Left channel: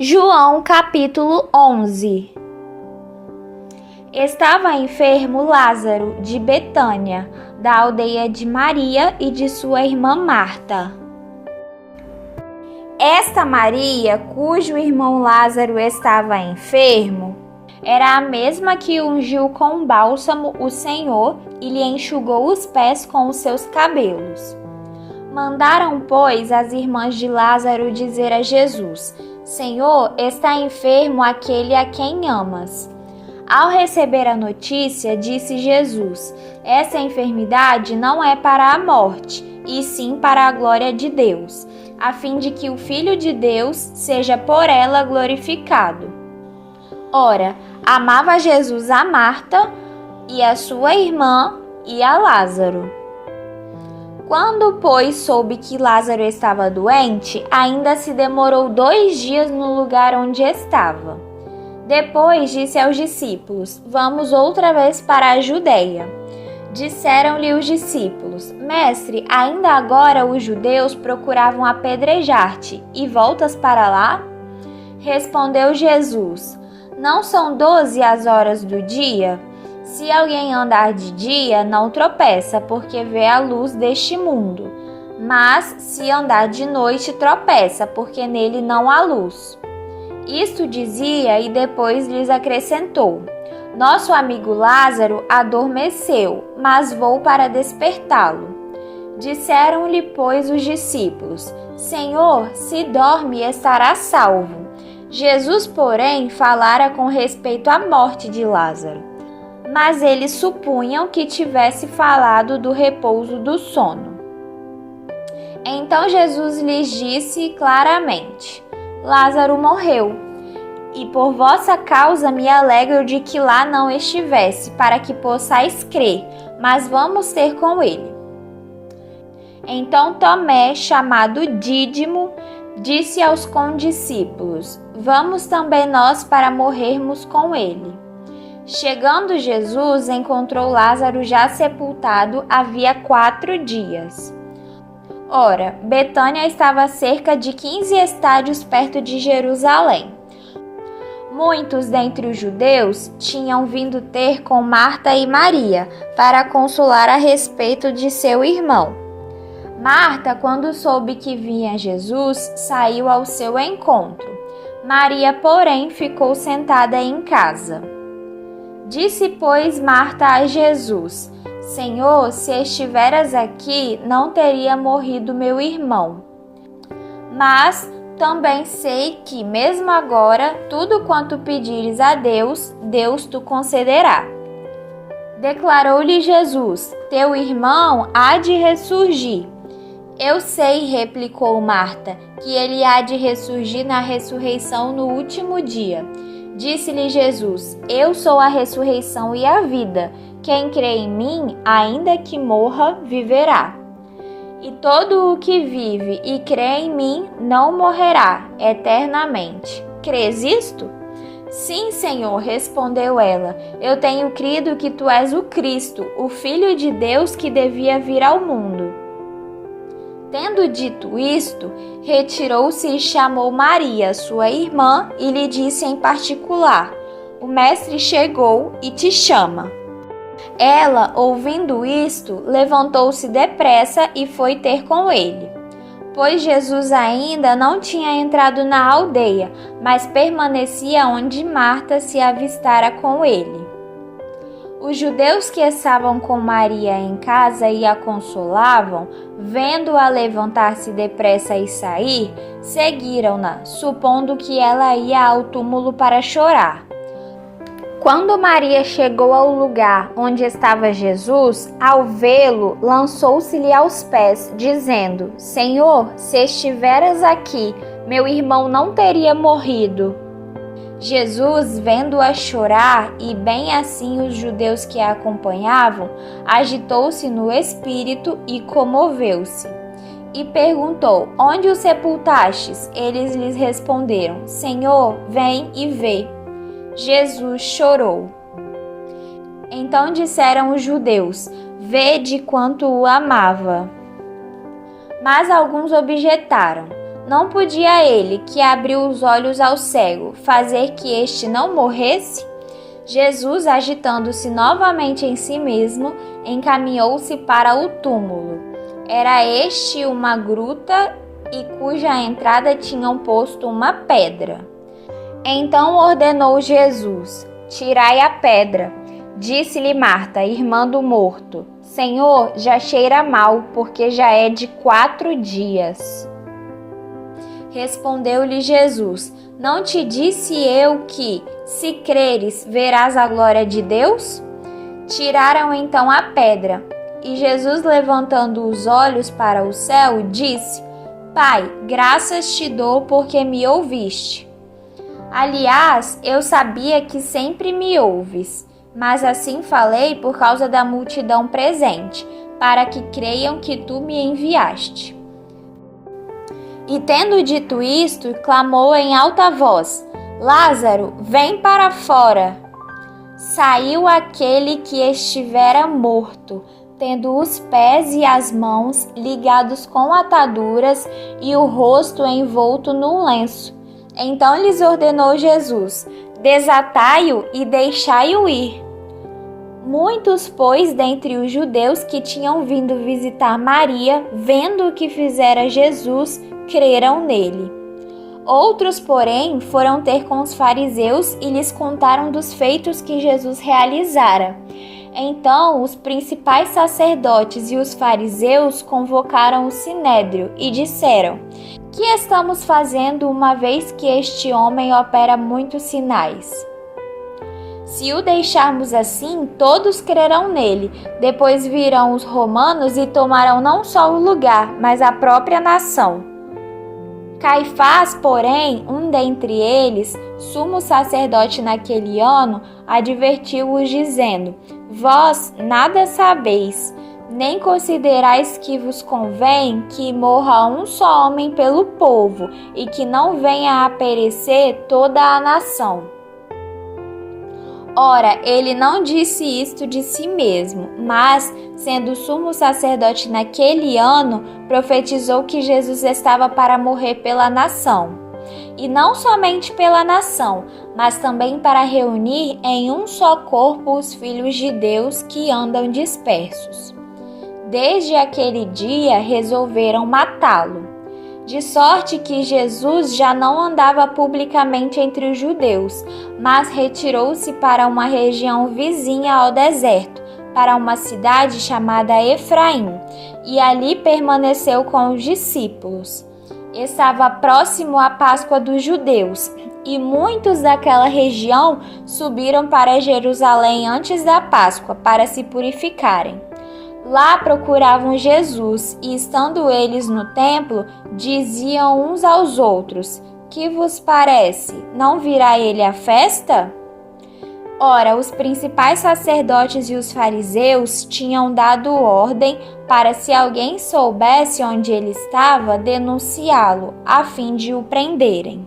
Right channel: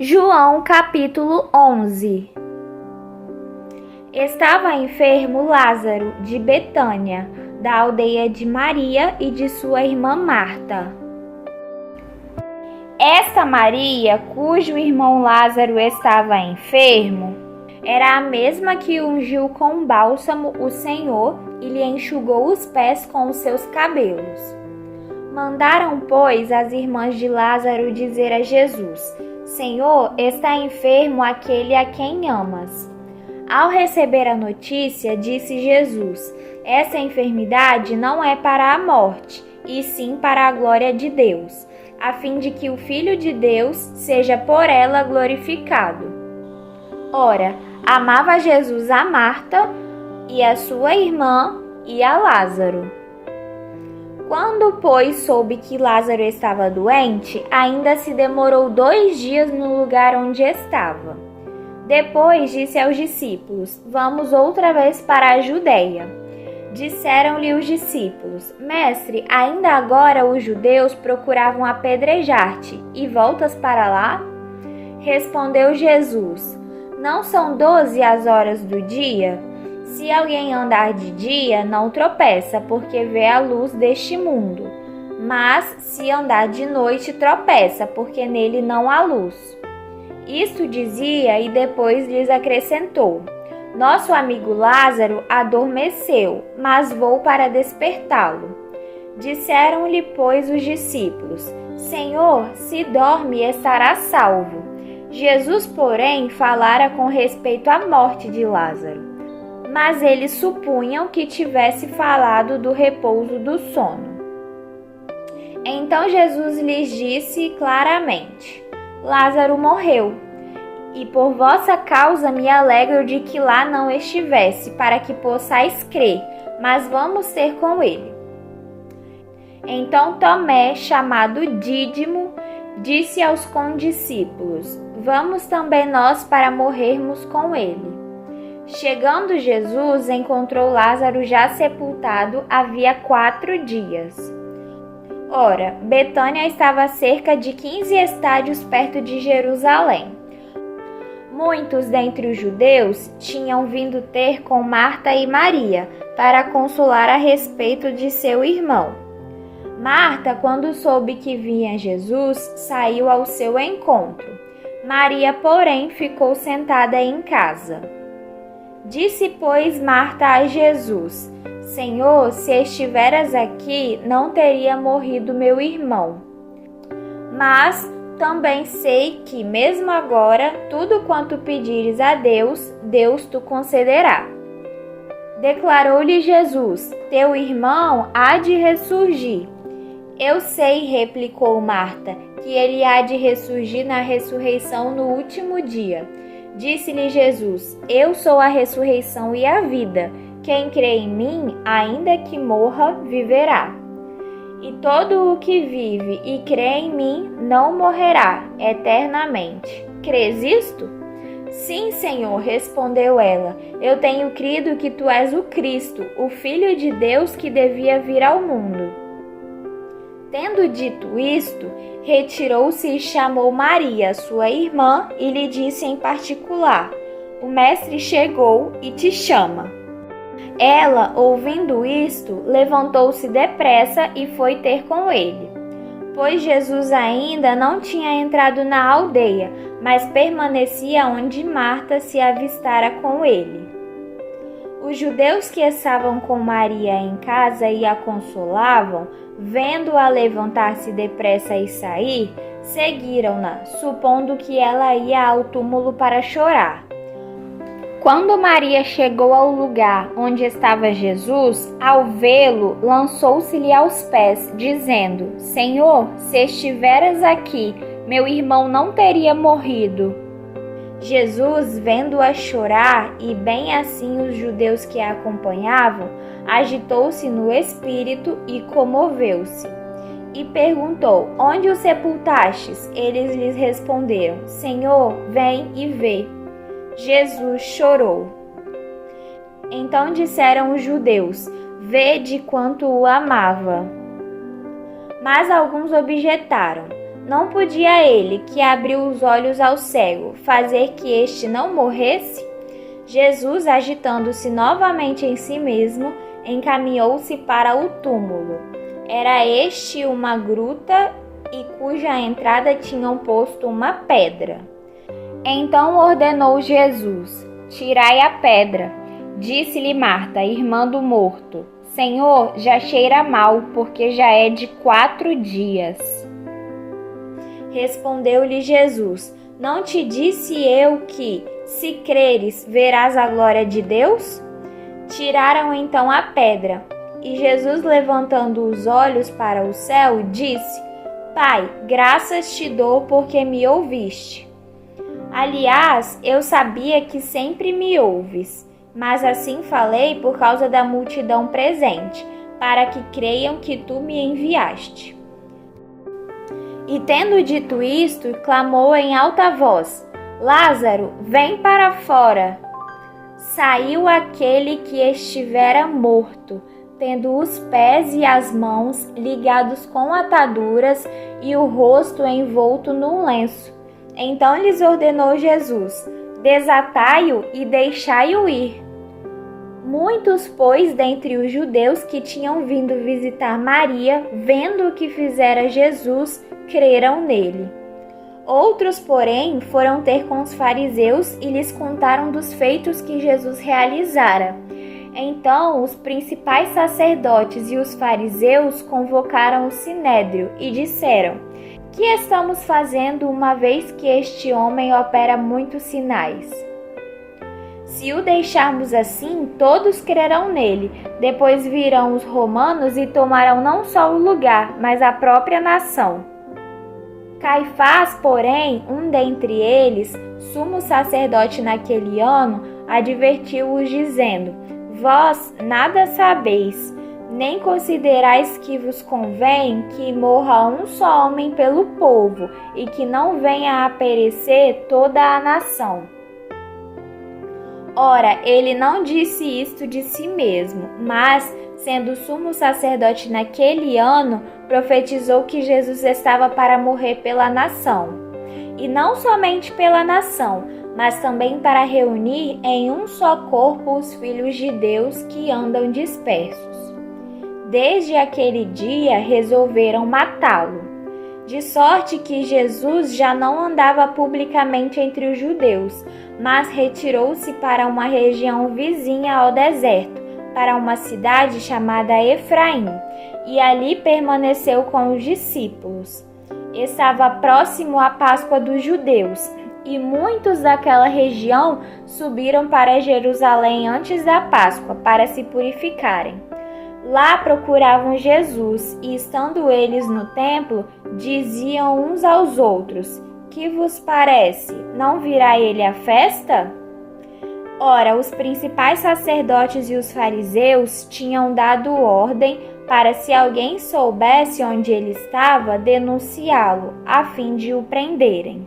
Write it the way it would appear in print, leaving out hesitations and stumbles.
João capítulo 11. Estava enfermo Lázaro de Betânia, da aldeia de Maria e de sua irmã Marta. Esta Maria, cujo irmão Lázaro estava enfermo, era a mesma que ungiu com bálsamo o Senhor e lhe enxugou os pés com os seus cabelos. Mandaram, pois, as irmãs de Lázaro dizer a Jesus: Senhor, está enfermo aquele a quem amas. Ao receber a notícia, disse Jesus: essa enfermidade não é para a morte, e sim para a glória de Deus, a fim de que o Filho de Deus seja por ela glorificado. Ora, amava Jesus a Marta e a sua irmã e a Lázaro. Quando, pois, soube que Lázaro estava doente, ainda se demorou 2 dias no lugar onde estava. Depois disse aos discípulos: Vamos outra vez para a Judeia. Disseram-lhe os discípulos: Mestre, ainda agora os judeus procuravam apedrejar-te, e voltas para lá? Respondeu Jesus: Não são 12 as horas do dia? Se alguém andar de dia, não tropeça, porque vê a luz deste mundo. Mas se andar de noite, tropeça, porque nele não há luz. Isto dizia e depois lhes acrescentou: Nosso amigo Lázaro adormeceu, mas vou para despertá-lo. Disseram-lhe, pois, os discípulos: Senhor, se dorme, estará salvo. Jesus, porém, falara com respeito à morte de Lázaro. Mas eles supunham que tivesse falado do repouso do sono. Então Jesus lhes disse claramente: Lázaro morreu, e por vossa causa me alegro de que lá não estivesse, para que possais crer, mas vamos ter com ele. Então Tomé, chamado Dídimo, disse aos condiscípulos: Vamos também nós para morrermos com ele. Chegando Jesus, encontrou Lázaro já sepultado havia 4 dias. Ora, Betânia estava a cerca de 15 estádios perto de Jerusalém. Muitos dentre os judeus tinham vindo ter com Marta e Maria para consolar a respeito de seu irmão. Marta, quando soube que vinha Jesus, saiu ao seu encontro. Maria, porém, ficou sentada em casa. Disse, pois, Marta a Jesus: Senhor, se estiveras aqui, não teria morrido meu irmão. Mas também sei que, mesmo agora, tudo quanto pedires a Deus, Deus te concederá. Declarou-lhe Jesus: Teu irmão há de ressurgir. Eu sei, replicou Marta, que ele há de ressurgir na ressurreição no último dia. Disse-lhe Jesus: Eu sou a ressurreição e a vida. Quem crê em mim, ainda que morra, viverá. E todo o que vive e crê em mim não morrerá eternamente. Crês isto? Sim, Senhor, respondeu ela. Eu tenho crido que tu és o Cristo, o Filho de Deus que devia vir ao mundo. Tendo dito isto, retirou-se e chamou Maria, sua irmã, e lhe disse em particular: O mestre chegou e te chama. Ela, ouvindo isto, levantou-se depressa e foi ter com ele. Pois Jesus ainda não tinha entrado na aldeia, mas permanecia onde Marta se avistara com ele. Os judeus que estavam com Maria em casa e a consolavam, vendo-a levantar-se depressa e sair, seguiram-na, supondo que ela ia ao túmulo para chorar. Quando Maria chegou ao lugar onde estava Jesus, ao vê-lo, lançou-se-lhe aos pés, dizendo: Senhor, se estiveras aqui, meu irmão não teria morrido. Jesus, vendo-a chorar, e bem assim os judeus que a acompanhavam, agitou-se no espírito e comoveu-se. E perguntou: Onde o sepultastes? Eles lhes responderam: Senhor, vem e vê. Jesus chorou. Então disseram os judeus: Vede quanto o amava. Mas alguns objetaram: Não podia ele, que abriu os olhos ao cego, fazer que este não morresse? Jesus, agitando-se novamente em si mesmo, encaminhou-se para o túmulo. Era este uma gruta e cuja entrada tinham posto uma pedra. Então ordenou Jesus: tirai a pedra. Disse-lhe Marta, irmã do morto: Senhor, já cheira mal, porque já é de 4 dias. Respondeu-lhe Jesus: Não te disse eu que, se creres, verás a glória de Deus? Tiraram então a pedra. E Jesus, levantando os olhos para o céu, disse: Pai, graças te dou porque me ouviste. Aliás, eu sabia que sempre me ouves, mas assim falei por causa da multidão presente, para que creiam que tu me enviaste. E tendo dito isto, clamou em alta voz: Lázaro, vem para fora. Saiu aquele que estivera morto, tendo os pés e as mãos ligados com ataduras e o rosto envolto num lenço. Então lhes ordenou Jesus: desatai-o e deixai-o ir. Muitos, pois, dentre os judeus que tinham vindo visitar Maria, vendo o que fizera Jesus, creram nele. Outros, porém, foram ter com os fariseus e lhes contaram dos feitos que Jesus realizara. Então, os principais sacerdotes e os fariseus convocaram o sinédrio e disseram: Que estamos fazendo uma vez que este homem opera muitos sinais? Se o deixarmos assim, todos crerão nele. Depois virão os romanos e tomarão não só o lugar, mas a própria nação. Caifás, porém, um dentre eles, sumo sacerdote naquele ano, advertiu-os dizendo: Vós nada sabeis, nem considerais que vos convém que morra um só homem pelo povo, e que não venha a perecer toda a nação. Ora, ele não disse isto de si mesmo, mas, sendo sumo sacerdote naquele ano, profetizou que Jesus estava para morrer pela nação. E não somente pela nação, mas também para reunir em um só corpo os filhos de Deus que andam dispersos. Desde aquele dia resolveram matá-lo. De sorte que Jesus já não andava publicamente entre os judeus, mas retirou-se para uma região vizinha ao deserto, para uma cidade chamada Efraim, e ali permaneceu com os discípulos. Estava próximo a Páscoa dos judeus, e muitos daquela região subiram para Jerusalém antes da Páscoa, para se purificarem. Lá procuravam Jesus, e estando eles no templo, diziam uns aos outros: Que vos parece? Não virá ele à festa? Ora, os principais sacerdotes e os fariseus tinham dado ordem para, se alguém soubesse onde ele estava, denunciá-lo, a fim de o prenderem.